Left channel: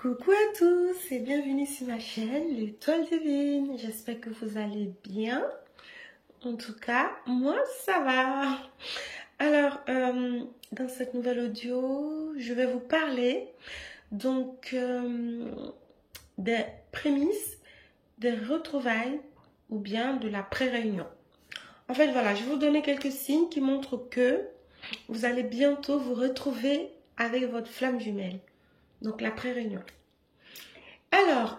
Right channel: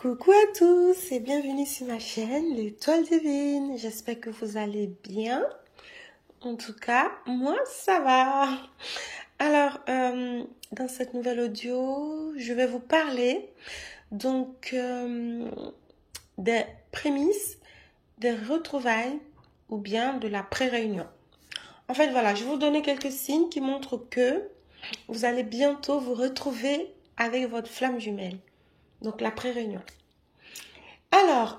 Coucou à tous et bienvenue sur ma chaîne L'Étoile Divine. J'espère que vous allez bien. En tout cas, moi ça va. Alors, dans cette nouvelle audio, je vais vous parler donc des prémices, des retrouvailles ou bien de la pré-réunion. En fait, voilà, je vais vous donner quelques signes qui montrent que vous allez bientôt vous retrouver avec votre flamme jumelle. Donc, la pré-réunion. Alors,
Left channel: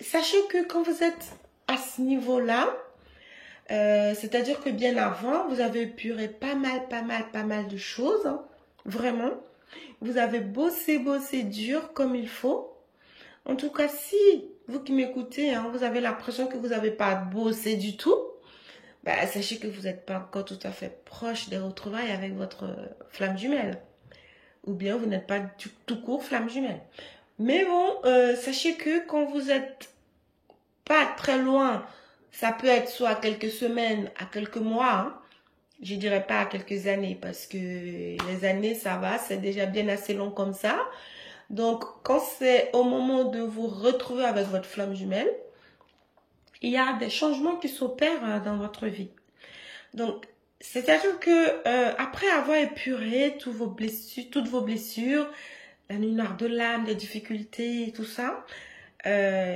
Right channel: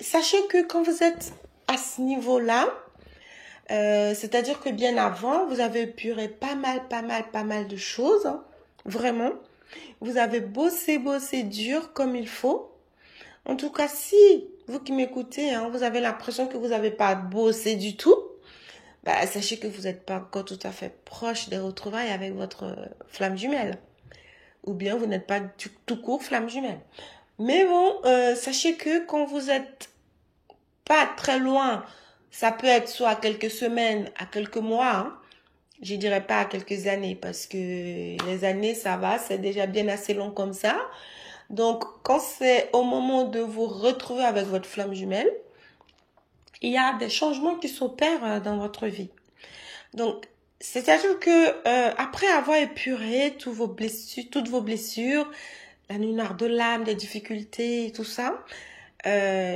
sachez que quand vous êtes à ce niveau-là, c'est-à-dire que bien avant, vous avez épuré pas mal de choses, hein, vraiment. Vous avez bossé dur comme il faut. En tout cas, si vous qui m'écoutez, hein, vous avez l'impression que vous n'avez pas bossé du tout, bah, sachez que vous n'êtes pas encore tout à fait proche de retrouvailles avec votre flamme jumelle. Ou bien vous n'êtes pas tout court flamme jumelle. Mais bon, sachez que quand vous n'êtes pas très loin, ça peut être soit à quelques semaines, à quelques mois, hein, je dirais pas à quelques années, parce que les années, ça va, c'est déjà bien assez long comme ça. Donc, quand c'est au moment de vous retrouver avec votre flamme jumelle, il y a des changements qui s'opèrent dans votre vie. Donc, c'est-à-dire que après avoir épuré toutes vos blessures, la nuit noire de l'âme, les difficultés, tout ça,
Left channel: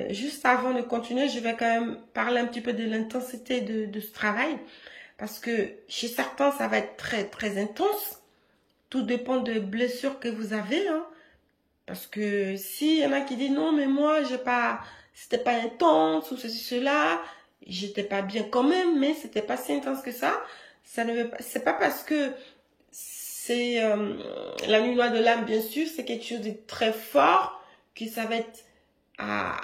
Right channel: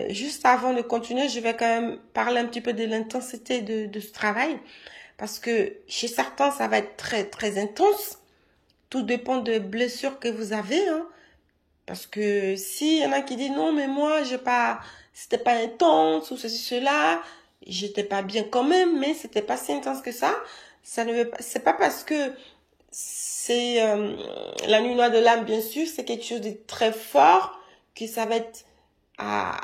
juste avant de continuer, je vais quand même parler un petit peu de l'intensité de ce travail. Parce que chez certains, ça va être très intense. Tout dépend de blessures que vous avez, hein. Parce que s'il y en a qui disent non, mais moi, c'était pas intense ou ceci, cela, j'étais pas bien quand même, mais c'était pas si intense que ça. C'est pas parce que c'est la nuit noire de l'âme, bien sûr, c'est quelque chose de très fort que ça va être à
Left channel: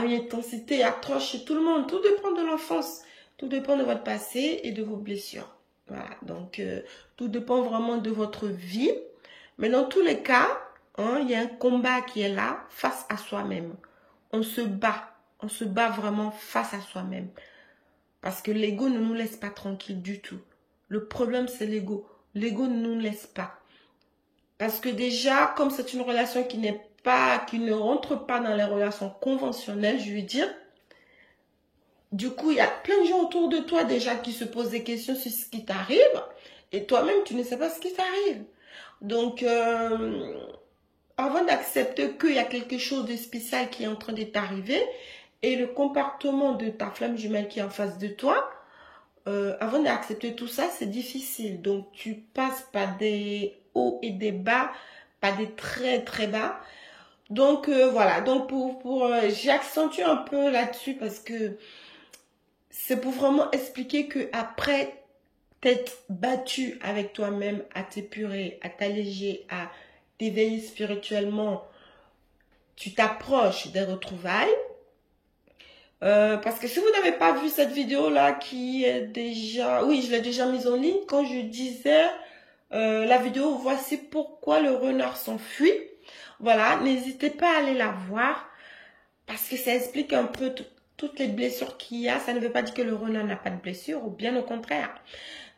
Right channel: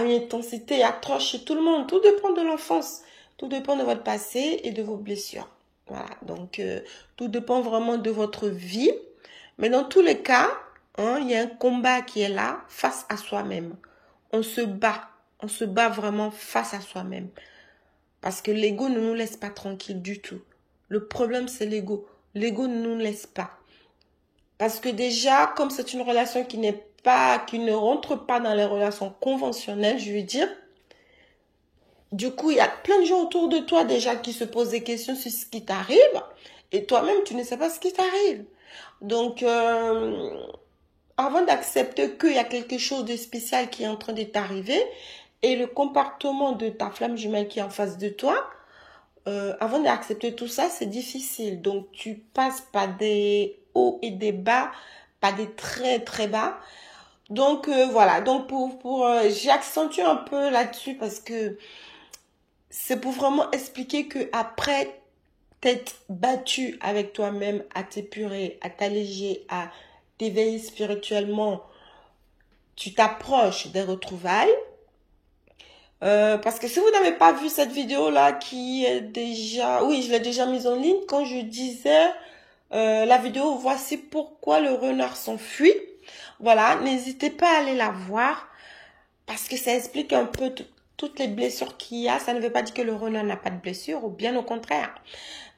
une intensité approche chez tout le monde. Tout dépend de l'enfance, tout dépend de votre passé et de vos blessures. Voilà, donc tout dépend vraiment de votre vie. Mais dans tous les cas, hein, il y a un combat qui est là face à soi-même. On se bat vraiment face à soi-même. Parce que l'ego ne nous laisse pas tranquille du tout. Le problème, c'est l'ego. L'ego ne nous laisse pas. Parce que déjà, comme c'est une relation qui ne rentre pas dans les relations conventionnelles, je veux dire, du coup, il y a plein de gens autour de toi déjà qui se posent des questions sur ce qui t'arrive. Et toi-même, tu ne sais pas ce qui t'arrive. Donc, avant d'accepter qu'il y a quelque chose de spécial qui est en train de t'arriver, et le comportement de ta flamme jumelle qui est en face de toi, avant d'accepter tout ça, c'est difficile. Donc, tu passes par des hauts et des bas, par des très bas. Donc, voilà. Donc, j'accentue un peu là-dessus parce que c'est pour vraiment expliquer que après t'être battu avec toi-même, à t'épurer, à t'alléger, à t'éveiller spirituellement, tu t'approches des retrouvailles. Parce que si vous n'avez pas vu cette vidéo-là qui est déjà... Oui, je l'ai déjà mise en ligne quand je disais la vidéo « Voici pourquoi le renard s'enfuit ». Voilà, n'hésitez pas à aller la voir parce que ça explique un peu toutes les blessures qu'il y a. Ça ne veut pas dire que le renard n'a pas de blessure ou bien au contraire.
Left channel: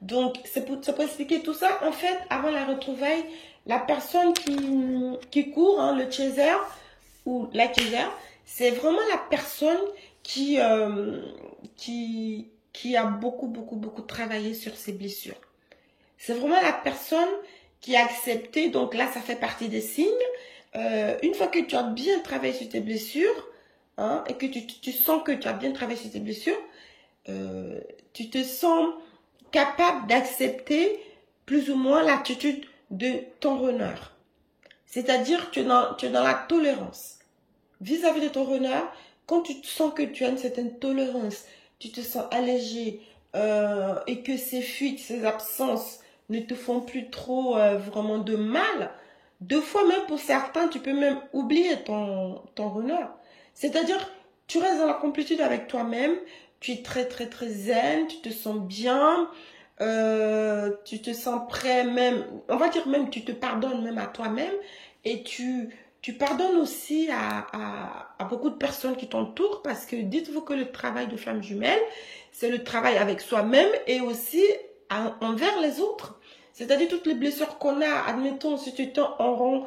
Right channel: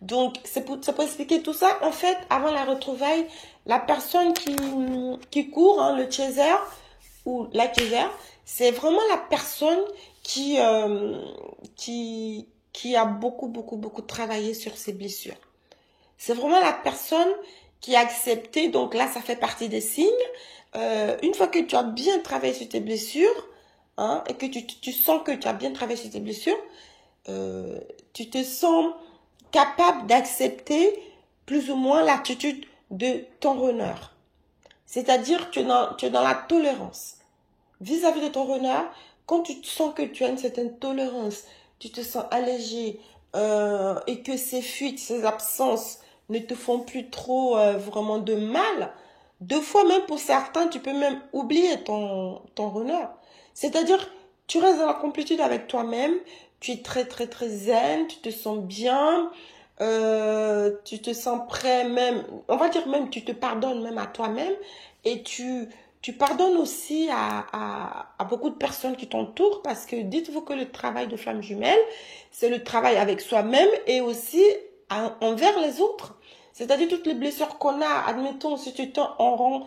Donc, c'est pour expliquer tout ça. En fait, avant la retrouvaille, la personne qui court, hein, le chaser ou la chaser, c'est vraiment la personne qui a beaucoup travaillé sur ses blessures. C'est vraiment la personne qui a accepté, donc là, ça fait partie des signes. Une fois que tu as bien travaillé sur tes blessures, hein, et que tu sens que tu as bien travaillé sur tes blessures, tu te sens capable d'accepter plus ou moins l'attitude de ton renard. C'est-à-dire que tu es dans la tolérance. Vis-à-vis de ton renard, quand tu sens que tu as une certaine tolérance, tu te sens allégé et que ces fuites, ces absences ne te font plus trop vraiment de mal, deux fois même pour certains, tu peux même oublier ton renard. C'est-à-dire, tu restes dans la complétude avec toi-même, tu es très zen, tu te sens bien, tu te sens prêt même, on va dire même, tu te pardonnes même à toi-même et tu pardonnes aussi à beaucoup de personnes qui t'entourent parce que dites-vous que le travail de flamme jumelle, c'est le travail avec soi-même et aussi envers les autres. C'est-à-dire toutes les blessures qu'on a, admettons, si tu t'en rends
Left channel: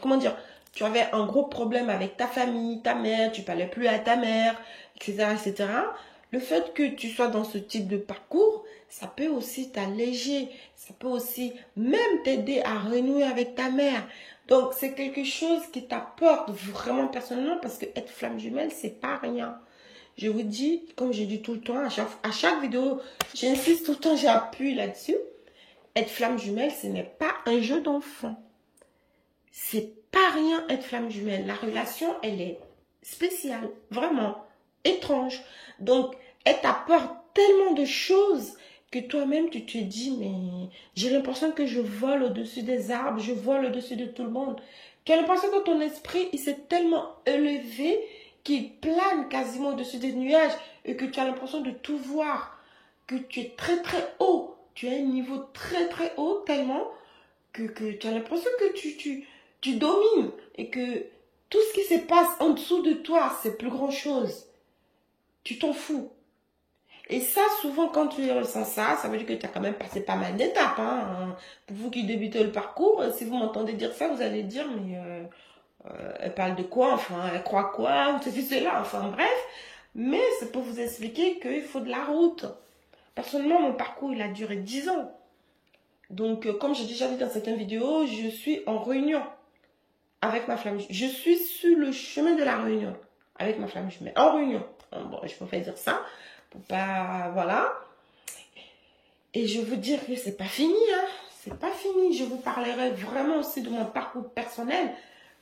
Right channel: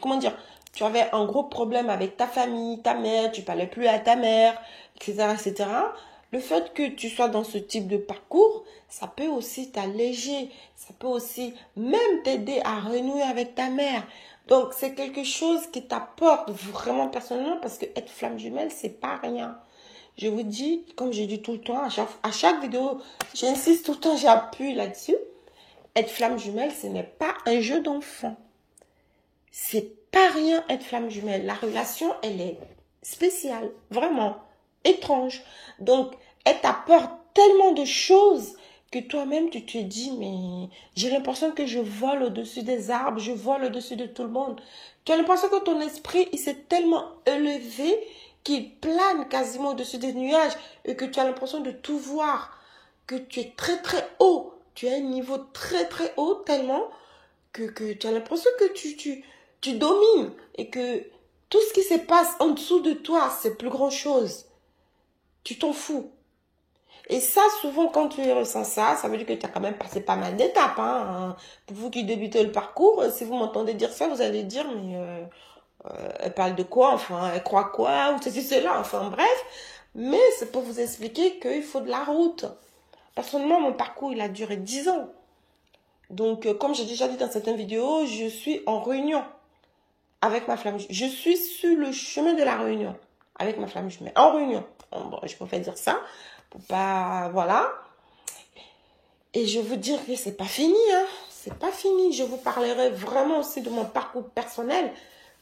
comment dire, tu avais un gros problème avec ta famille, ta mère, tu parlais plus à ta mère, etc., etc. Le fait que tu sois dans ce type de parcours, ça peut aussi t'alléger, ça peut aussi même t'aider à renouer avec ta mère. Donc, c'est quelque chose qui t'apporte vraiment personnellement parce que être flamme jumelle, c'est pas rien. Je vous dis, comme je dis tout le temps, à chaque vidéo, j'insiste tout le temps, j'appuie là-dessus. Être flamme jumelle, ce n'est pas un jeu d'enfant. C'est pas rien être flamme jumelle. La relation, elle est spéciale, vraiment étrange. Donc, elle t'apporte tellement de choses que toi-même, tu te dis, mais j'ai l'impression que je vole au-dessus des arbres, je vole au-dessus de tout le monde. Tu as l'impression que ton esprit, il s'est tellement élevé qu'il plane quasiment au-dessus des nuages et que tu as l'impression de tout voir, que tu es très très haut. Tu as un niveau très très haut tellement que tu as l'impression que tu domines et que tout ce qui se passe en dessous de toi, c'est plus grand chose. Tu t'en fous. Et ça, souvent, quand tu ressens ça, ça veut dire que tu as quand même passé pas mal d'étapes. Hein. Pour vous qui débutez le parcours, si vous m'entendez dire ça, vous allez dire, mais elle parle de quoi? Enfin, elle croit quoi? Ou ceci, cela. Enfin, bref. Mais c'est pour vous expliquer qu'il faut de la route. Personnellement, mon parcours, il a duré 10 ans. Donc, comme j'ai déjà dit dans certaines vidéos, je suis en réunion avec ma flamme jumelle. Je suis sur le chemin de la réunion avec ma flamme jumelle. En réunion. Bon, je préfère dire ça. Pour pas... Voilà. Et je veux dire que c'est pas fini. Hein. C'est pas fini. Je vous parlerai vraiment aussi de mon parcours personnel.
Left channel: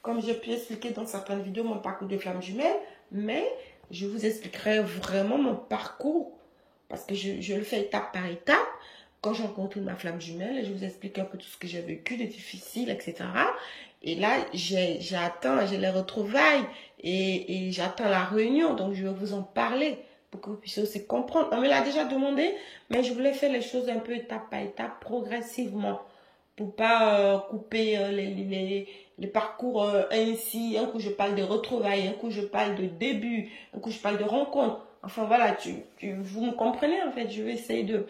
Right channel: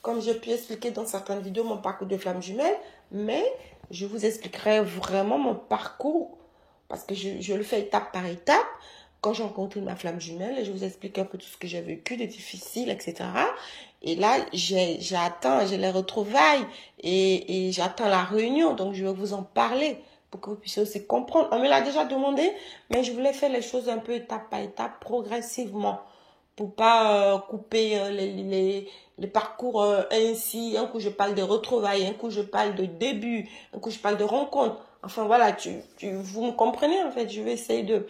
Comme j'ai pu expliquer dans certaines vidéos mon parcours de flamme jumelle. Mais je vous expliquerai vraiment mon parcours. Parce que je le fais étape par étape. Quand j'ai rencontré ma flamme jumelle, je vous explique un peu tout ce que j'ai vécu, de difficile, etc. Et là, j'ai les retrouvailles et j'attends la réunion. Donc, je vais vous en parler pour que vous puissiez aussi comprendre. On me l'a déjà demandé, mais je voulais faire les choses un peu étape par étape, progressivement. Pour pas couper les parcours ainsi. Un coup, je parle de retrouvailles, un coup, je parle de début, un coup, je parle de rencontre. Enfin, voilà, vous me comprenez, en fait. Je vais essayer de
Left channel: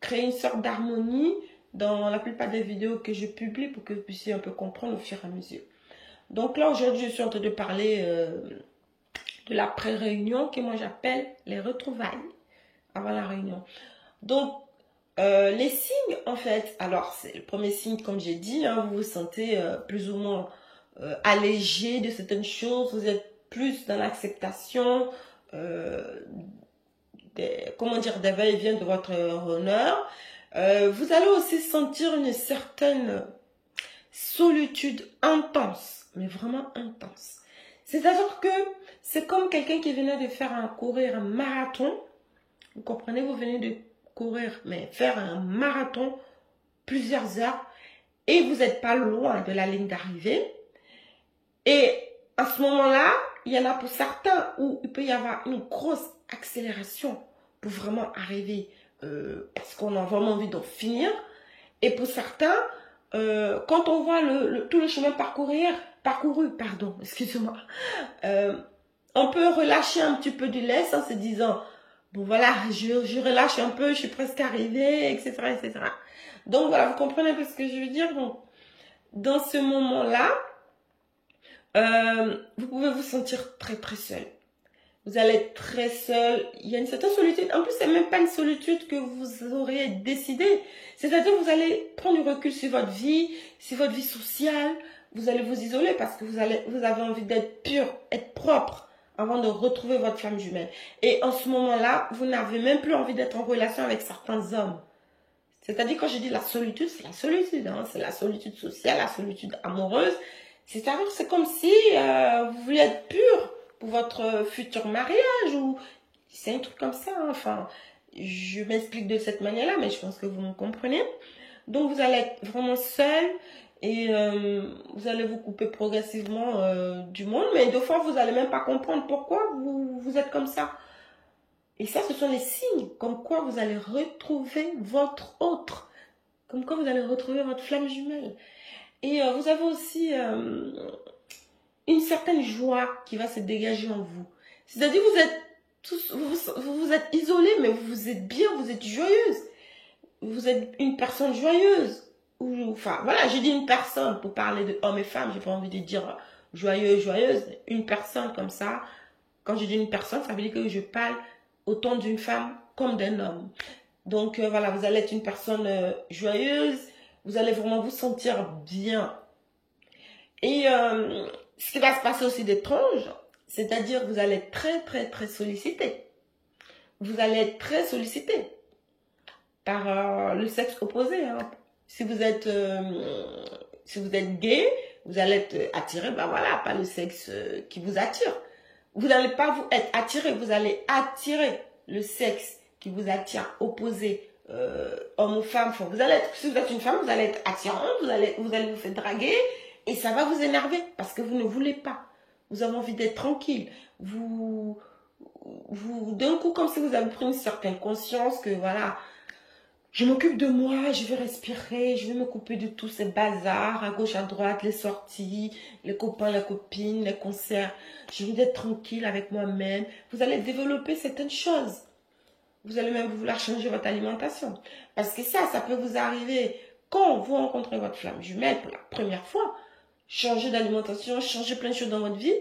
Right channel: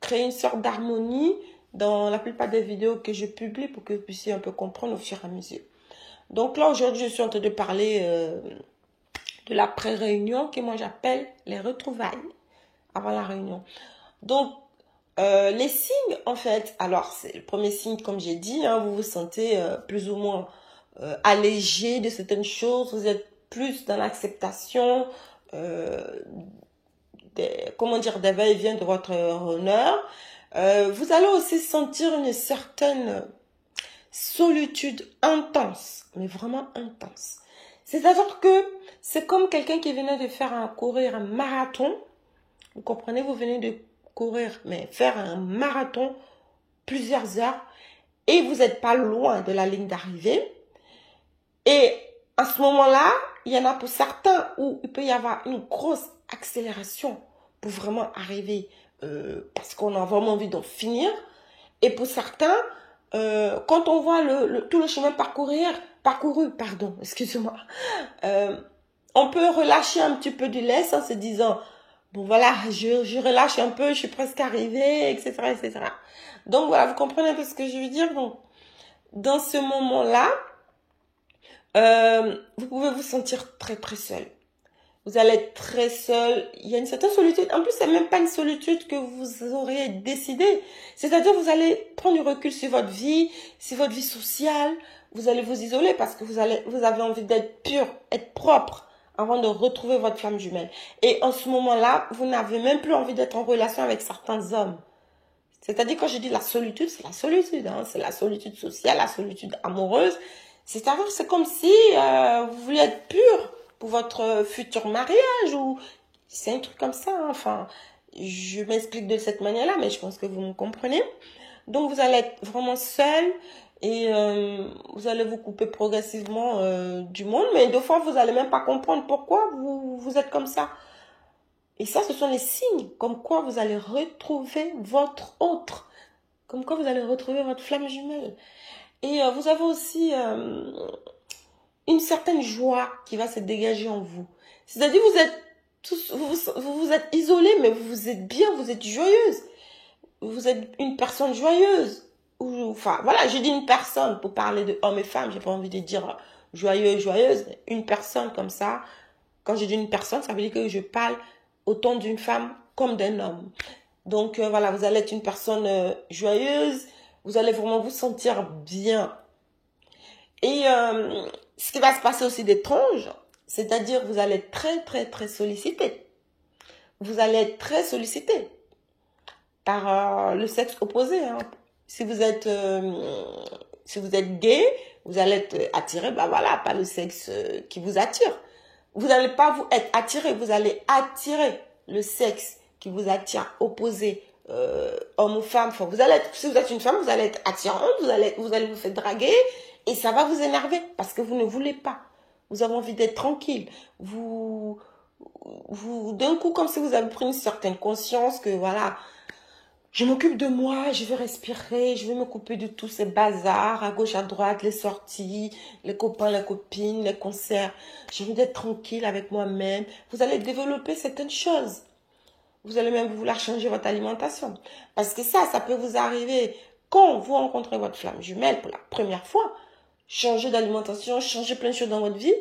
créer une sorte d'harmonie dans la plupart des vidéos que je publie pour que vous puissiez un peu comprendre au fur et à mesure. Donc là, aujourd'hui, je suis en train de parler de la pré-réunion que moi j'appelle les retrouvailles avant la réunion. Donc, les signes, en fait, alors, c'est le premier signe, comme j'ai dit, hein, vous vous sentez plus ou moins allégé de certaines choses, vous êtes plus dans l'acceptation, comment dire, des va-et-vient de votre honneur. Vous allez aussi sentir une certaine solitude intense, mais vraiment intense. C'est-à-dire que c'est comme quelqu'un qui venait de courir un marathon. Vous comprenez, vous venez de courir, mais faire un marathon plusieurs heures et vous n'êtes pas loin de la ligne d'arrivée. Et à ce moment-là, il y en a pour certains où il peut y avoir une grosse accélération pour vraiment arriver parce qu'on a vraiment envie d'en finir. Et pour certains, quand on voit tout le chemin parcouru, excusez-moi, on peut relâcher un petit peu du lest en se disant, bon voilà, je relâche un peu, je suis presque arrivée, etc., etc. Donc voilà, vous comprenez un peu ce que je veux dire. Donc, dans ce moment-là, vous pouvez vous sentir très très seul. Vous allez être très seul. Il y a une certaine solitude. En plus, c'est même pas une solitude que vous auriez décidé. C'est-à-dire, vous allez prendre du recul sur votre vie sociale. Vous allez vous isoler parce que vous avez envie d'être pur, être propre avant de retrouver votre flamme jumelle. Et en ce moment-là, vous n'avez même plus envie d'être en relation avec certains hommes. C'est-à-dire, quand je dis la solitude, c'est la solitude. Hein. C'est la solitude sociale, la solitude amoureuse. C'est-à-dire, c'est comme si vous vouliez être pur pour votre futur mariage ou c'est un truc comme ça. Hein. Enfin, je m'explique de cette manière-là, mais je pense que vous me comprenez. Donc, vous allez être vraiment seul et vous allez vous couper progressivement du monde. Mais des fois, vous n'allez même pas comprendre pourquoi vous êtes comme ça. Et ça, ce sont les signes comme quoi vous allez retrouver votre autre. Comme quoi vous allez retrouver votre flamme jumelle. Et vous avez aussi une certaine joie qui va se dégager en vous. C'est-à-dire vous êtes isolés, mais vous êtes bien, vous êtes joyeuse. Vous êtes une personne joyeuse. enfin, voilà, j'ai dit une personne pour parler de hommes et femmes. J'ai pas envie de dire joyeux, joyeuse. Une personne comme ça. Quand je dis une personne, ça veut dire que je parle autant d'une femme comme d'un homme. Donc, voilà, vous allez être une personne joyeuse. Vous allez vraiment vous sentir bien. Et ce qui va se passer aussi d'étrange, c'est-à-dire vous allez être très, très, très sollicité. Vous allez être très sollicité par le sexe opposé. Hein. Si vous êtes gay, vous allez être attiré, bah voilà, par le sexe qui vous attire. Vous n'allez pas vous être attiré, vous allez attirer le sexe qui vous attire, opposé, homme ou femme. Enfin, si vous êtes une femme, vous allez être attirante, vous allez vous faire draguer et ça va vous énerver parce que vous ne voulez pas. Vous avez envie d'être tranquille. D'un coup, comme si vous avez pris une certaine conscience que voilà, je m'occupe de moi, je vais respirer, je vais me couper de tous ces bazars, à gauche, à droite, les sorties, les copains, les copines, les concerts. J'ai envie d'être tranquille avec moi-même. Vous allez développer certaines choses. Vous allez même vouloir changer votre alimentation. Parce que ça peut vous arriver quand vous rencontrez votre flamme jumelle pour la première fois. Changer d'alimentation, changer plein de choses dans votre vie.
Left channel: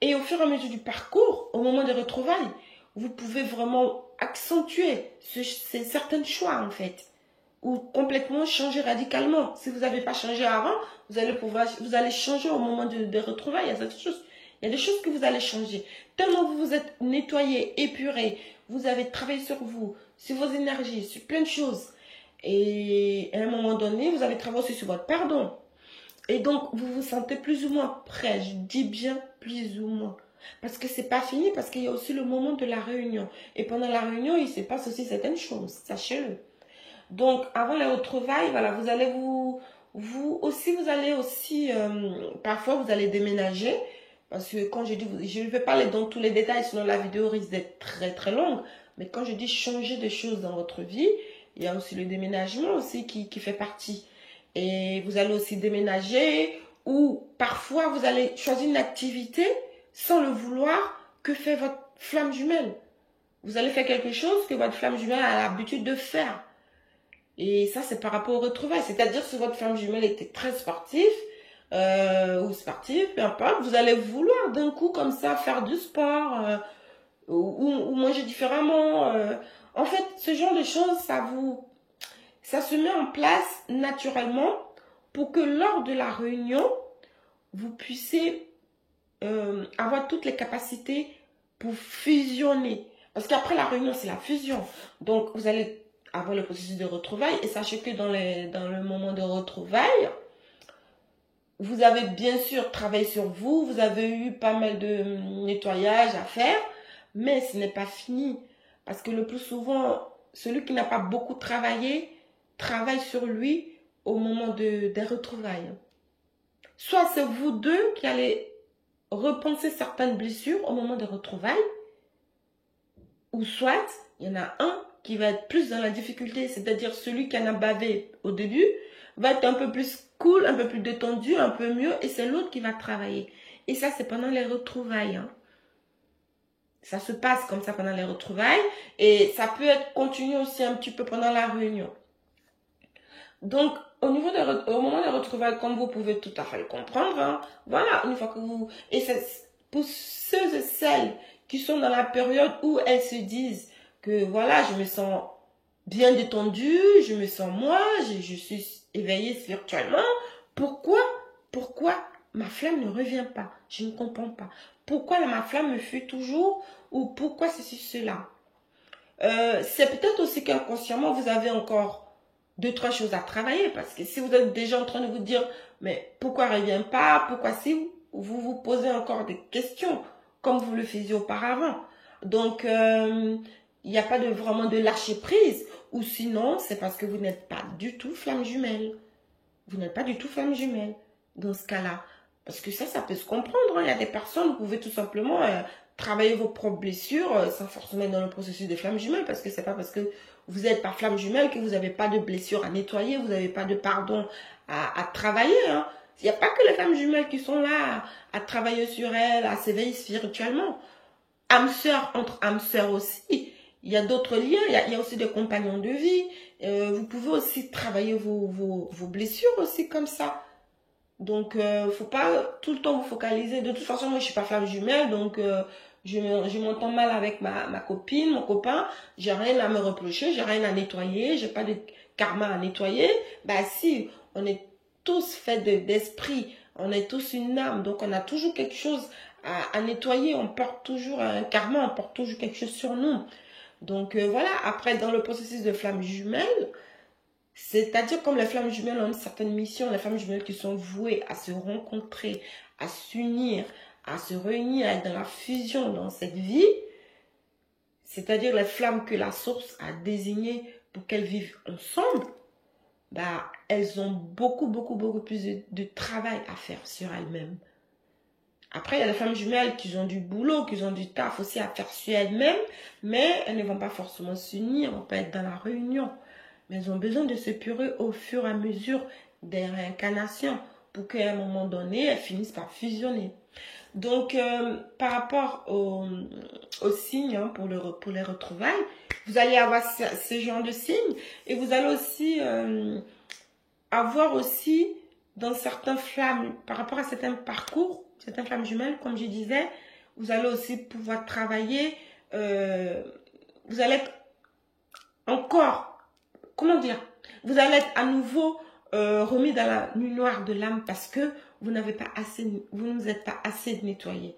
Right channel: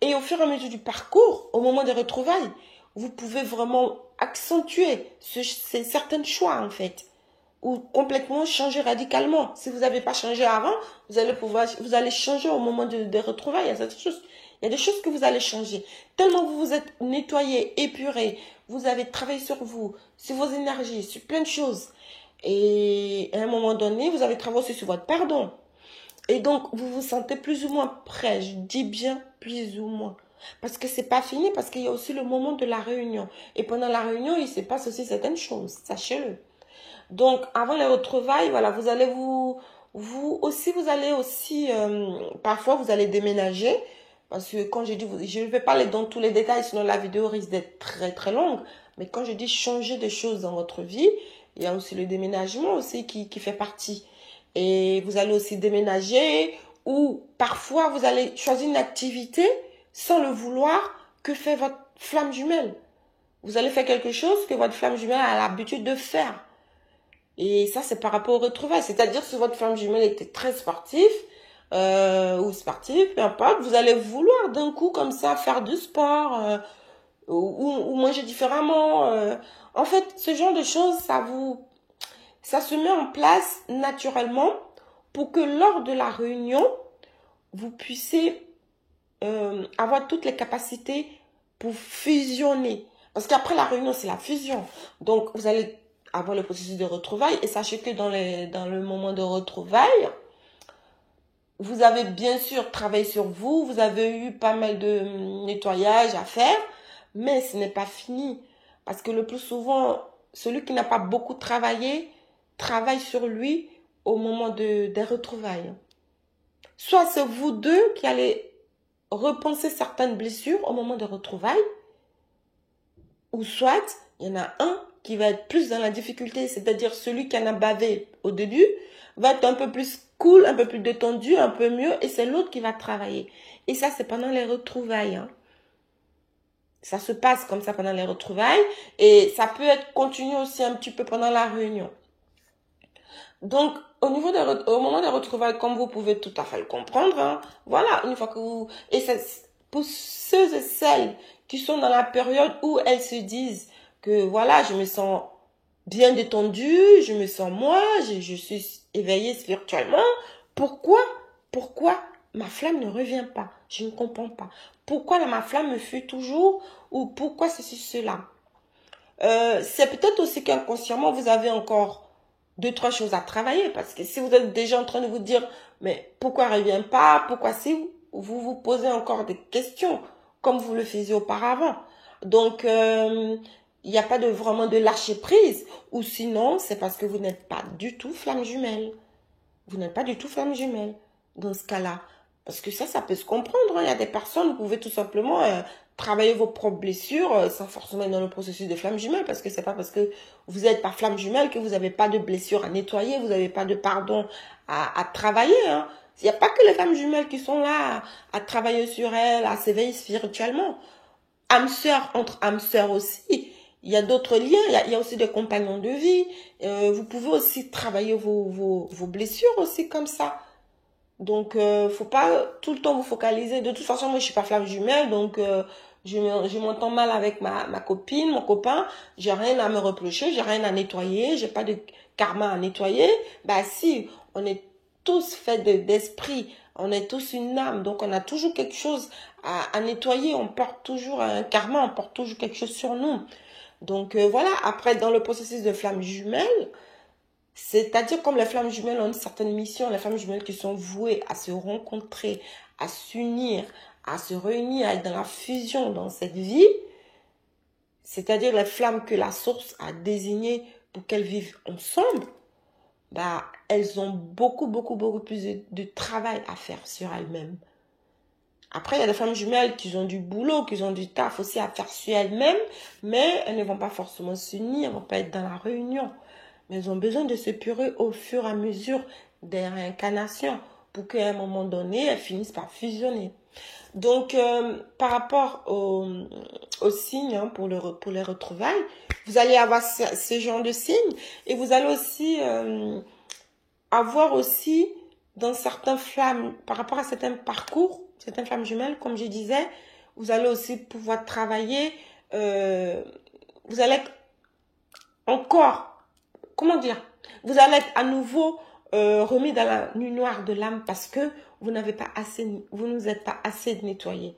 Et au fur et à mesure du parcours, au moment des retrouvailles, vous pouvez vraiment accentuer certains choix en fait. Ou complètement changer radicalement. Si vous n'avez pas changé avant, vous allez changer au moment des retrouvailles. Il y a des choses que vous allez changer. Tellement vous vous êtes nettoyé, épuré, vous avez travaillé sur vous, sur vos énergies, sur plein de choses. Et à un moment donné, vous avez travaillé aussi sur votre pardon. Et donc, vous vous sentez plus ou moins prêt. Je dis bien plus ou moins. Parce que c'est pas fini, parce qu'il y a aussi le moment de la réunion. Et pendant la réunion, il se passe aussi certaines choses. Sachez-le. Donc, avant les retrouvailles, voilà, vous allez parfois vous allez déménager. Parce que quand je dis, je ne vais pas aller dans tous les détails, sinon la vidéo risque d'être très très longue. Mais quand je dis changer de choses dans votre vie, il y a aussi le déménagement aussi qui fait partie. Et vous allez aussi déménager ou parfois vous allez choisir une activité sans le vouloir que fait votre flamme jumelle. Vous allez faire quelque chose que votre flamme jumelle a l'habitude de faire. Et ça, c'est par rapport au retrouvailles. C'est-à-dire si votre flamme jumelle était très sportive ou sportive, peu importe, vous allez vouloir d'un coup comme ça faire du sport ou manger différemment. En fait, ce genre de choses, ça se met en place naturellement pour que lors de la réunion, vous puissiez avoir toutes les capacités pour fusionner. Parce qu'après la réunion, c'est la fusion. Donc, vous allez avoir le processus de retrouvailles. Et sachez que dans le moment de retrouvailles, vous avez bien sûr travaillé sur vous. Vous avez eu pas mal de nettoyage à faire. Mais ce n'est pas fini. Parce que le plus souvent, celui qui n'a pas beaucoup travaillé, travaille sur lui au moment des retrouvailles. Soit c'est vous deux qui allez repenser certaines blessures au moment des retrouvailles, ou soit il y en a un qui va être plus dans la difficulté, c'est-à-dire celui qui en a bavé au début va être un peu plus cool, un peu plus détendu, un peu mieux, et c'est l'autre qui va travailler. Et ça, c'est pendant les retrouvailles. Hein. Ça se passe comme ça pendant les retrouvailles, et ça peut être continué aussi un petit peu pendant la réunion. Donc, au moment des retrouvailles, comme vous pouvez tout à fait le comprendre, hein, voilà, une fois que vous... Et c'est pour ceux et celles qui sont dans la période où elles se disent que, voilà, je me sens bien détendue, je me sens moi, je suis éveillée spirituellement. Pourquoi ma flamme ne revient pas? Je ne comprends pas. Pourquoi ma flamme me fuit toujours? Ou pourquoi ceci, cela? C'est peut-être aussi qu'inconsciemment, vous avez encore 2-3 choses à travailler, parce que si vous êtes déjà en train de vous dire mais pourquoi elle ne revient pas, pourquoi si vous vous posez encore des questions comme vous le faisiez auparavant. Donc il n'y a pas vraiment de lâcher prise, ou sinon c'est parce que vous n'êtes pas du tout flamme jumelle. Vous n'êtes pas du tout flamme jumelle dans ce cas-là, parce que ça peut se comprendre. Il y a des personnes, vous pouvez tout simplement travailler vos propres blessures sans forcément être dans le processus de flamme jumelle, parce que c'est pas parce que vous n'êtes pas flamme jumelle que vous n'avez pas de blessures à nettoyer, vous n'avez pas de pardon à travailler. Hein. Il n'y a pas que les femmes jumelles qui sont là à travailler sur elles, à s'éveiller spirituellement. Âme sœur, entre âmes sœurs aussi, Il y a d'autres liens, il y a aussi des compagnons de vie. Vous pouvez aussi travailler vos blessures aussi comme ça. Donc, faut pas tout le temps vous focaliser. De toute façon, moi, je suis pas flamme jumelle, donc je m'entends mal avec ma copine, mon copain. J'ai rien à me reprocher, j'ai rien à nettoyer, j'ai pas de karma à nettoyer. Bah si, on est tous faits d'esprit, on est tous une âme, donc on a toujours quelque chose à nettoyer. On porte toujours un karma, on porte toujours quelque chose sur nous. Donc voilà, après, dans le processus de flamme jumelle, c'est-à-dire comme les flammes jumelles ont une certaine mission, les flammes jumelles qui sont vouées à se rencontrer, à s'unir, à se réunir, à être dans la fusion dans cette vie, c'est-à-dire les flammes que la source a désignées pour qu'elles vivent ensemble, bah, elles ont beaucoup plus de travail à faire sur elles-mêmes. Après, il y a les femmes jumelles qui ont du boulot, qui ont du taf aussi à faire sur elles-mêmes, mais elles ne vont pas forcément s'unir, elles ne vont pas être dans la réunion. Mais elles ont besoin de se purer au fur et à mesure des réincarnations pour qu'à un moment donné, elles finissent par fusionner. Donc, par rapport aux signes hein, pour les retrouvailles, vous allez avoir ce genre de signes et vous allez aussi avoir aussi dans certains flammes, par rapport à certains parcours, certaines flammes jumelles, comme je disais, vous allez aussi pouvoir travailler, vous allez être encore... Comment dire? Vous allez être à nouveau remis dans la nuit noire de l'âme parce que vous ne vous êtes pas assez nettoyé.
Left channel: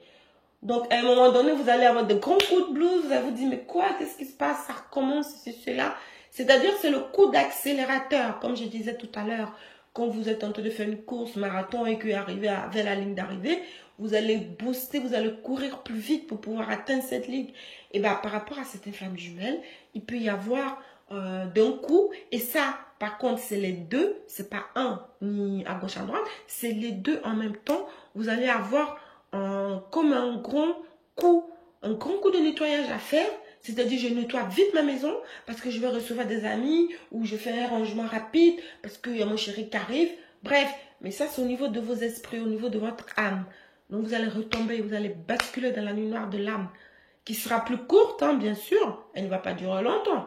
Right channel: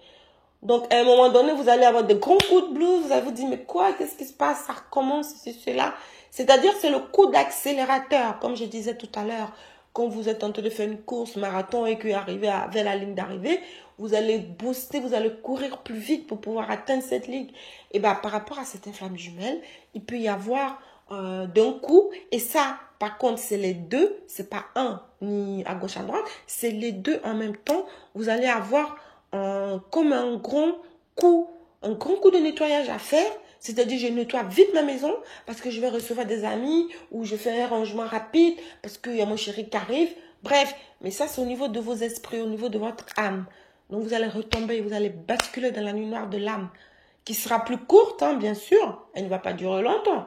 Donc, à un moment donné, vous allez avoir de grands coups de blues. Vous allez vous dire, mais quoi? Qu'est-ce qui se passe? Ça recommence, c'est cela. C'est-à-dire, c'est le coup d'accélérateur, comme je disais tout à l'heure. Quand vous êtes en train de faire une course marathon et que vous arrivez vers la ligne d'arrivée, vous allez booster, vous allez courir plus vite pour pouvoir atteindre cette ligne. Et bien, par rapport à cette flamme jumelle, il peut y avoir d'un coup, et ça, par contre, c'est les deux, c'est pas un ni à gauche à droite, c'est les deux en même temps. Vous allez avoir comme un grand coup de nettoyage à faire. C'est-à-dire, je nettoie vite ma maison parce que je vais recevoir des amis ou je fais un rangement rapide parce qu'il y a mon chéri qui arrive. Bref, mais ça, c'est au niveau de vos esprits, au niveau de votre âme. Donc, vous allez retomber, vous allez basculer dans la nuit noire de l'âme qui sera plus courte, hein, bien sûr. Elle ne va pas durer longtemps.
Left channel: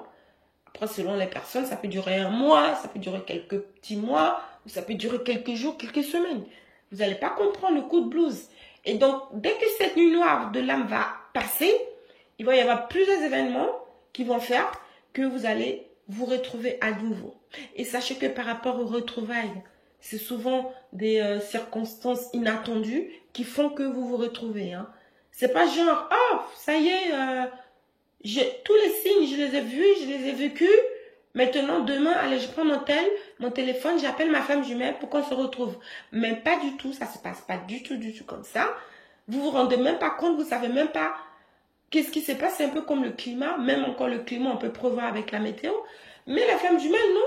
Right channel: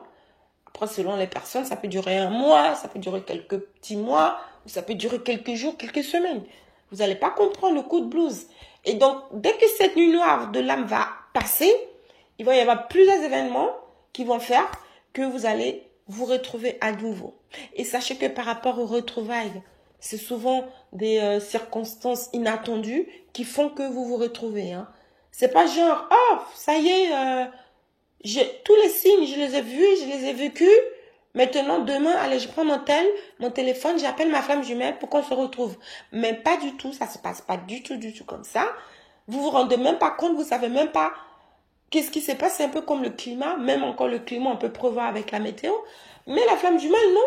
Après, selon les personnes, ça peut durer un mois, ça peut durer quelques petits mois, ou ça peut durer quelques jours, quelques semaines. Vous n'allez pas comprendre le coup de blues. Et donc, dès que cette nuit noire de l'âme va passer, il va y avoir plusieurs événements qui vont faire que vous allez vous retrouver à nouveau. Et sachez que par rapport aux retrouvailles, c'est souvent des circonstances inattendues qui font que vous vous retrouvez. Hein. C'est pas genre, oh, ça y est, tous les signes, je les ai vus, je les ai vécus. Maintenant, demain, allez, je prends mon téléphone, j'appelle ma flamme jumelle pour qu'on se retrouve. Mais pas du tout, ça se passe pas du tout comme ça. Vous vous rendez même pas compte, vous savez même pas qu'est-ce qui se passe. C'est un peu comme le climat, même encore le climat, on peut prévoir avec la météo. Mais la flamme jumelle, non,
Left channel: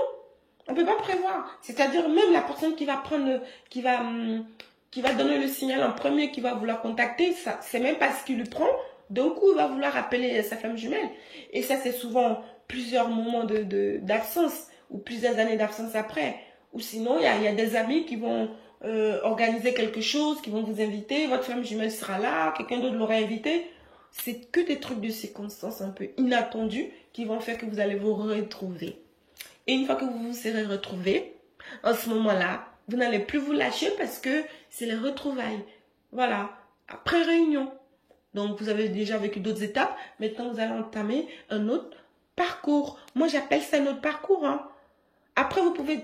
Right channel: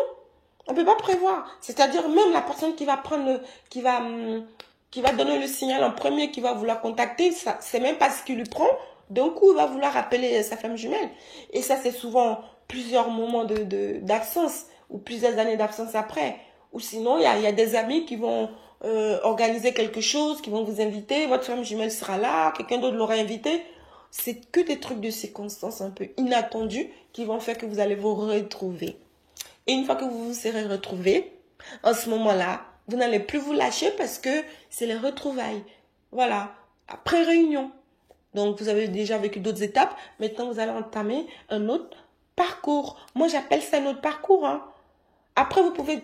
on peut pas prévoir. C'est-à-dire même la personne qui va prendre, qui va donner le signal en premier, qui va vouloir contacter, c'est même pas ce qu'il lui prend. D'un coup, il va vouloir appeler sa flamme jumelle. Et ça, c'est souvent plusieurs moments d'absence ou plusieurs années d'absence après. Ou sinon, il y a des amis qui vont organiser quelque chose, qui vont vous inviter. Votre flamme jumelle sera là, quelqu'un d'autre l'aura invité. C'est que des trucs de circonstances un peu inattendues qui vont faire que vous allez vous retrouver. Et une fois que vous vous serez retrouvés, en ce moment-là, vous n'allez plus vous lâcher parce que c'est les retrouvailles. Voilà, après réunion. Donc, vous avez déjà vécu d'autres étapes. Maintenant, vous allez entamer un autre parcours. Moi, j'appelle ça un autre parcours. Hein. Après, vous pouvez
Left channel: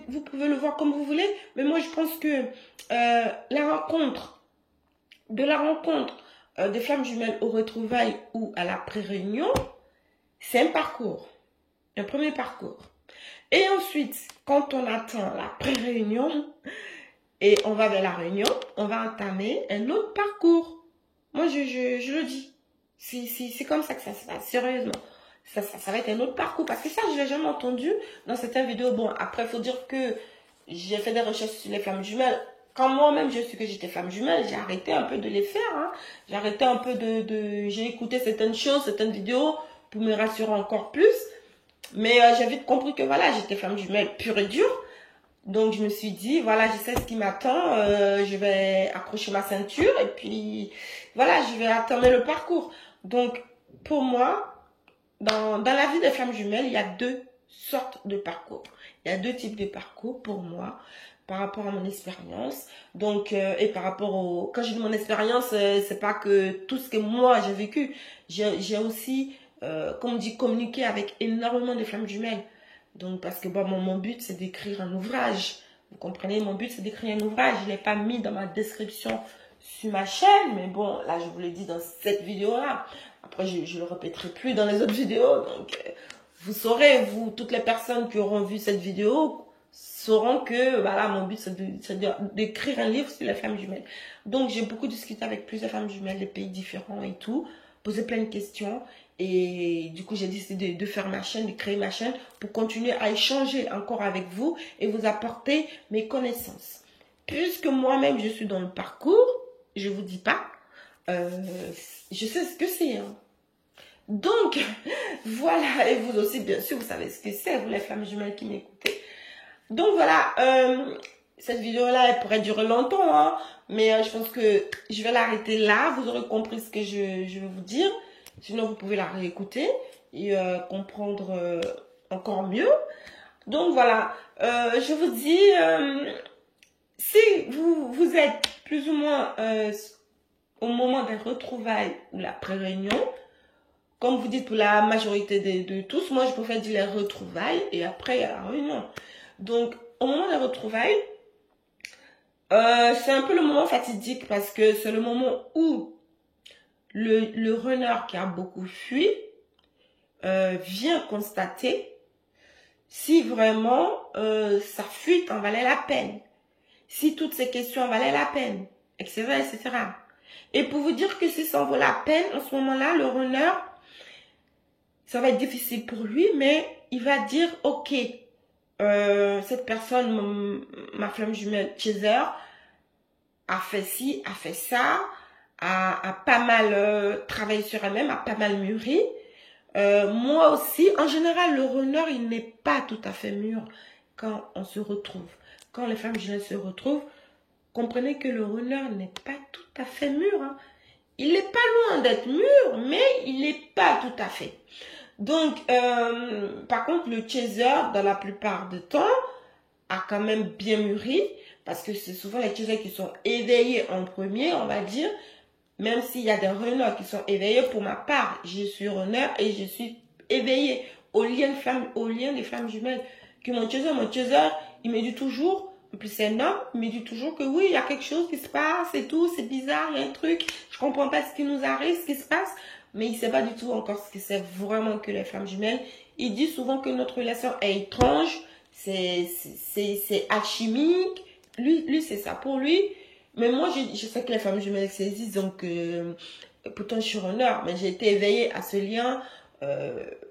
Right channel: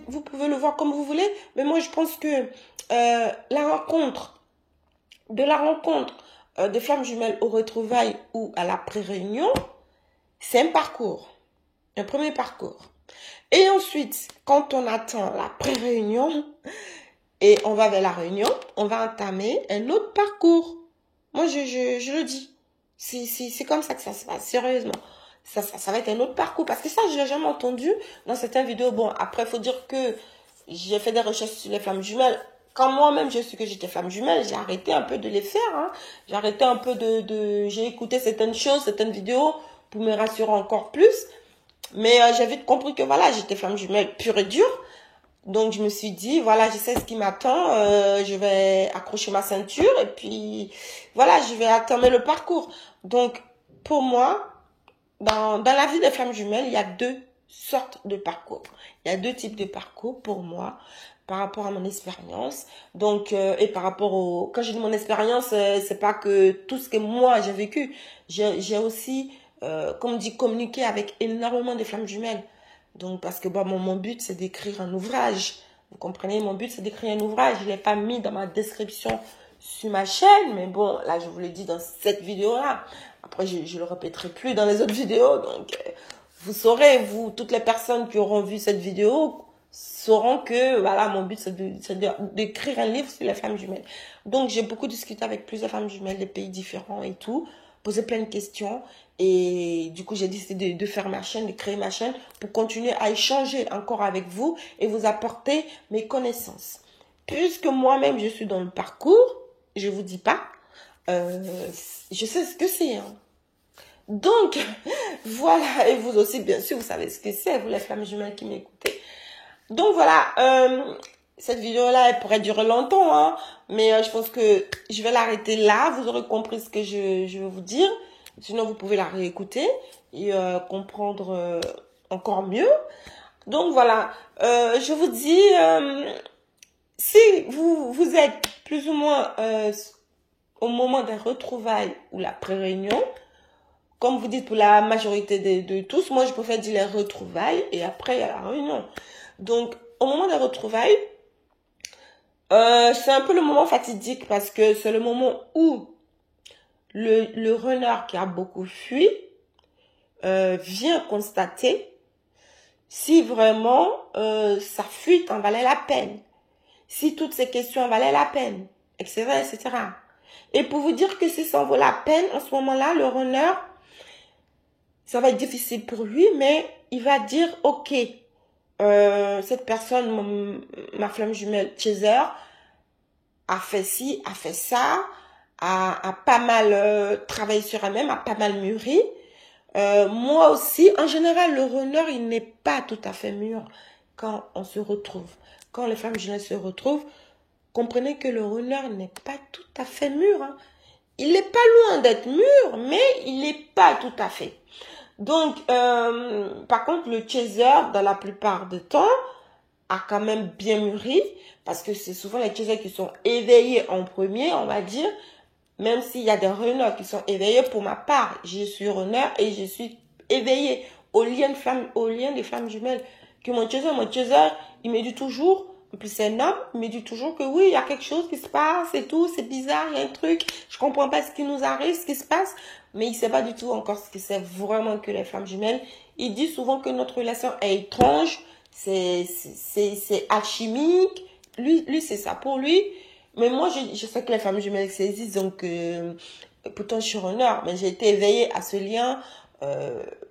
le voir comme vous voulez. Mais moi, je pense que la rencontre des flammes jumelles aux retrouvailles ou à la pré-réunion, c'est un parcours. Un premier parcours. Et ensuite, quand on attend la pré-réunion et on va vers la réunion, on va entamer un autre parcours. Moi, je le dis. C'est comme ça que ça se passe, sérieusement. Ça va être un autre parcours. Parce que ça, je ne l'ai jamais entendu dans certaines vidéos. Bon, après, il faut dire que j'ai fait des recherches sur les flammes jumelles. Quand moi-même, je suis que j'étais flamme jumelle, j'ai arrêté un peu de les faire. Hein. J'ai arrêté un peu j'ai écouté certaines choses, certaines vidéos pour me rassurer encore plus. Mais j'ai vite compris que voilà, j'étais flamme jumelle pure et dure. Donc, je me suis dit, voilà, je sais ce qui m'attend. Je vais accrocher ma ceinture et puis, voilà, je vais attendre le parcours. Donc, pour moi, dans la vie des femmes jumelles, il y a deux sortes de parcours. Il y a deux types de parcours pour moi, par rapport à mon expérience. Donc, et par rapport au... Quand je dis mon expérience, c'est pas que tout ce que moi j'ai vécu. J'ai aussi, comme on dit, communiqué avec énormément de femmes jumelles. Donc, parce que bon, mon but, c'est d'écrire un ouvrage. Vous comprenez, mon but, c'est d'écrire un ouvrage. Je ne l'ai pas mis dans ma description sur ma chaîne, mais bon, là, je vous l'ai dit dans cette vidéo-là. Après, je ne le répéterai plus dans les autres vidéos. Donc, vous saurez, vous, toutes les personnes qui auront vu cette vidéo, sauront que, voilà, mon but, c'est d'écrire un livre sur les femmes jumelles. Donc, j'ai beaucoup discuté avec plusieurs femmes jumelles des pays différents et tout, posé plein de questions. Et du coup, j'ai décidé de faire ma chaîne, de créer ma chaîne pour continuer à échanger encore avec vous et vous apporter mes connaissances. Puisque moi-même, je suis dans le parcours, je ne vous dis pas, je sais ce que c'est. Hein. Donc, voilà, et vous aussi, bien sûr, vous savez ce que c'est, vous les femmes jumelles qui m'écoutez. Donc, voilà, cette vidéo-là, elle pourrait durer longtemps, hein, mais je pense que je vais l'arrêter là. Vous aurez compris ce que je veux vous dire. Sinon, vous pouvez la réécouter et comprendre encore mieux. Donc, voilà, je vous dis, si vous êtes plus ou moins au moment des retrouvailles ou la pré-réunion, comme vous dites pour la majorité de tous, moi je préfère dire les retrouvailles et après il y a la réunion. Donc au moment des retrouvailles, c'est un peu le moment fatidique parce que c'est le moment où le renard qui a beaucoup fui vient constater si vraiment sa fuite en valait la peine, si toutes ces questions en valaient la peine, etc., etc. Et pour vous dire que si ça en vaut la peine, en ce moment-là, le renard, ça va être difficile pour lui, mais il va dire, ok, cette personne, ma flamme jumelle Chaser, a fait ci, a fait ça, a pas mal travaillé sur elle-même, a pas mal mûri. Moi aussi, en général, le renard, il n'est pas tout à fait mûr quand on se retrouve. Quand les femmes jumelles se retrouvent, comprenez que le renard n'est pas tout à fait mûr. Hein. Il n'est pas loin d'être mûr, mais il n'est pas tout à fait. Donc, par contre, le chaser, dans la plupart du temps, a quand même bien mûri. Parce que c'est souvent les chasers qui sont éveillés en premier, on va dire. Même s'il y a des renards qui sont éveillés, pour ma part, je suis renard et je suis éveillée au lien des femmes jumelles. Que mon chaser, il me dit toujours, en plus c'est un homme, il me dit toujours que oui, il y a quelque chose qui se passe et tout, c'est bizarre, il y a un truc, je comprends pas ce qui nous arrive, ce qui se passe. Mais il ne sait pas du tout encore ce que c'est vraiment que les femmes jumelles. Il dit souvent que notre relation est étrange, c'est alchimique. Lui c'est ça pour lui. Mais moi, je sais que les femmes jumelles saisissent, donc pourtant je suis renard, mais j'ai été éveillée à ce lien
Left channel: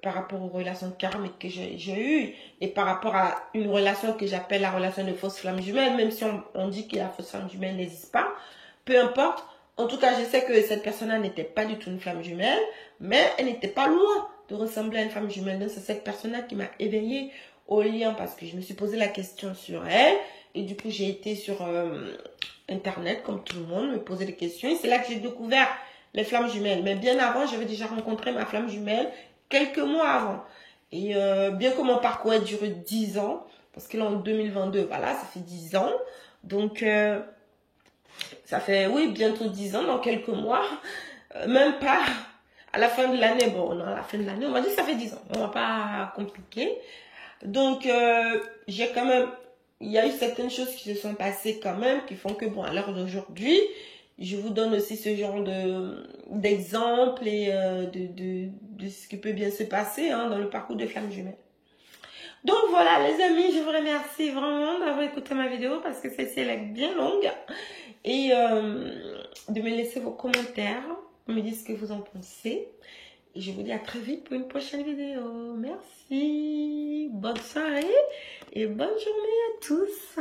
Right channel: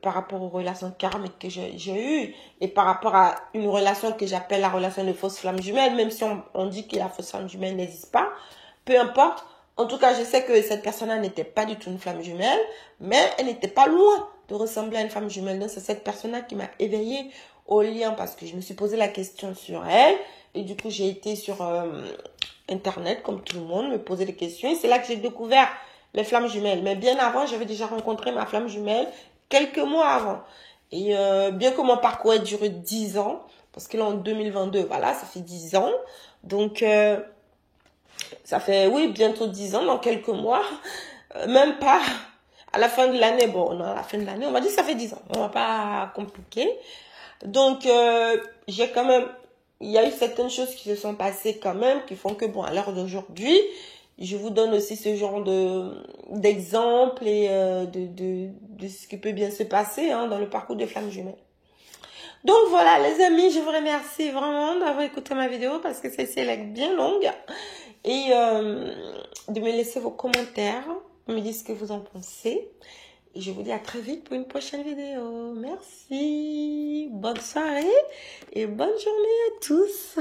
par rapport aux relations karmiques que j'ai eues et par rapport à une relation que j'appelle la relation de fausse flamme jumelle, même si on dit que la fausse flamme jumelle n'existe pas, peu importe. En tout cas, je sais que cette personne-là n'était pas du tout une flamme jumelle, mais elle n'était pas loin de ressembler à une femme jumelle. Donc, c'est cette personne-là qui m'a éveillée au lien parce que je me suis posé la question sur elle. Et du coup, j'ai été sur Internet, comme tout le monde, me poser des questions. Et c'est là que j'ai découvert les flammes jumelles. Mais bien avant, j'avais déjà rencontré ma flamme jumelle quelques mois avant. Et bien que mon parcours ait duré 10 ans, parce que là, en 2022, voilà, ça fait 10 ans. Donc... ça fait, oui, bientôt 10 ans, dans quelques mois. Même pas à la fin de l'année. Bon, à la fin de l'année, on va dire que ça fait 10 ans. On va pas compliquer. Donc, j'ai quand même... Il y a eu certaines choses qui se sont passées quand même, qui font que, bon, à l'heure d'aujourd'hui, je vous donne aussi ce genre d'exemples et de ce qui peut bien se passer hein, dans le parcours de femmes jumelles. Donc voilà les amis, je vous remercie vraiment d'avoir écouté ma vidéo parce que celle-ci est bien longue. Et de me laisser vos commentaires, me dire ce que vous en pensez. Et je vous dis à très vite pour une prochaine vidéo. Merci, bonne soirée et bonne journée à tous.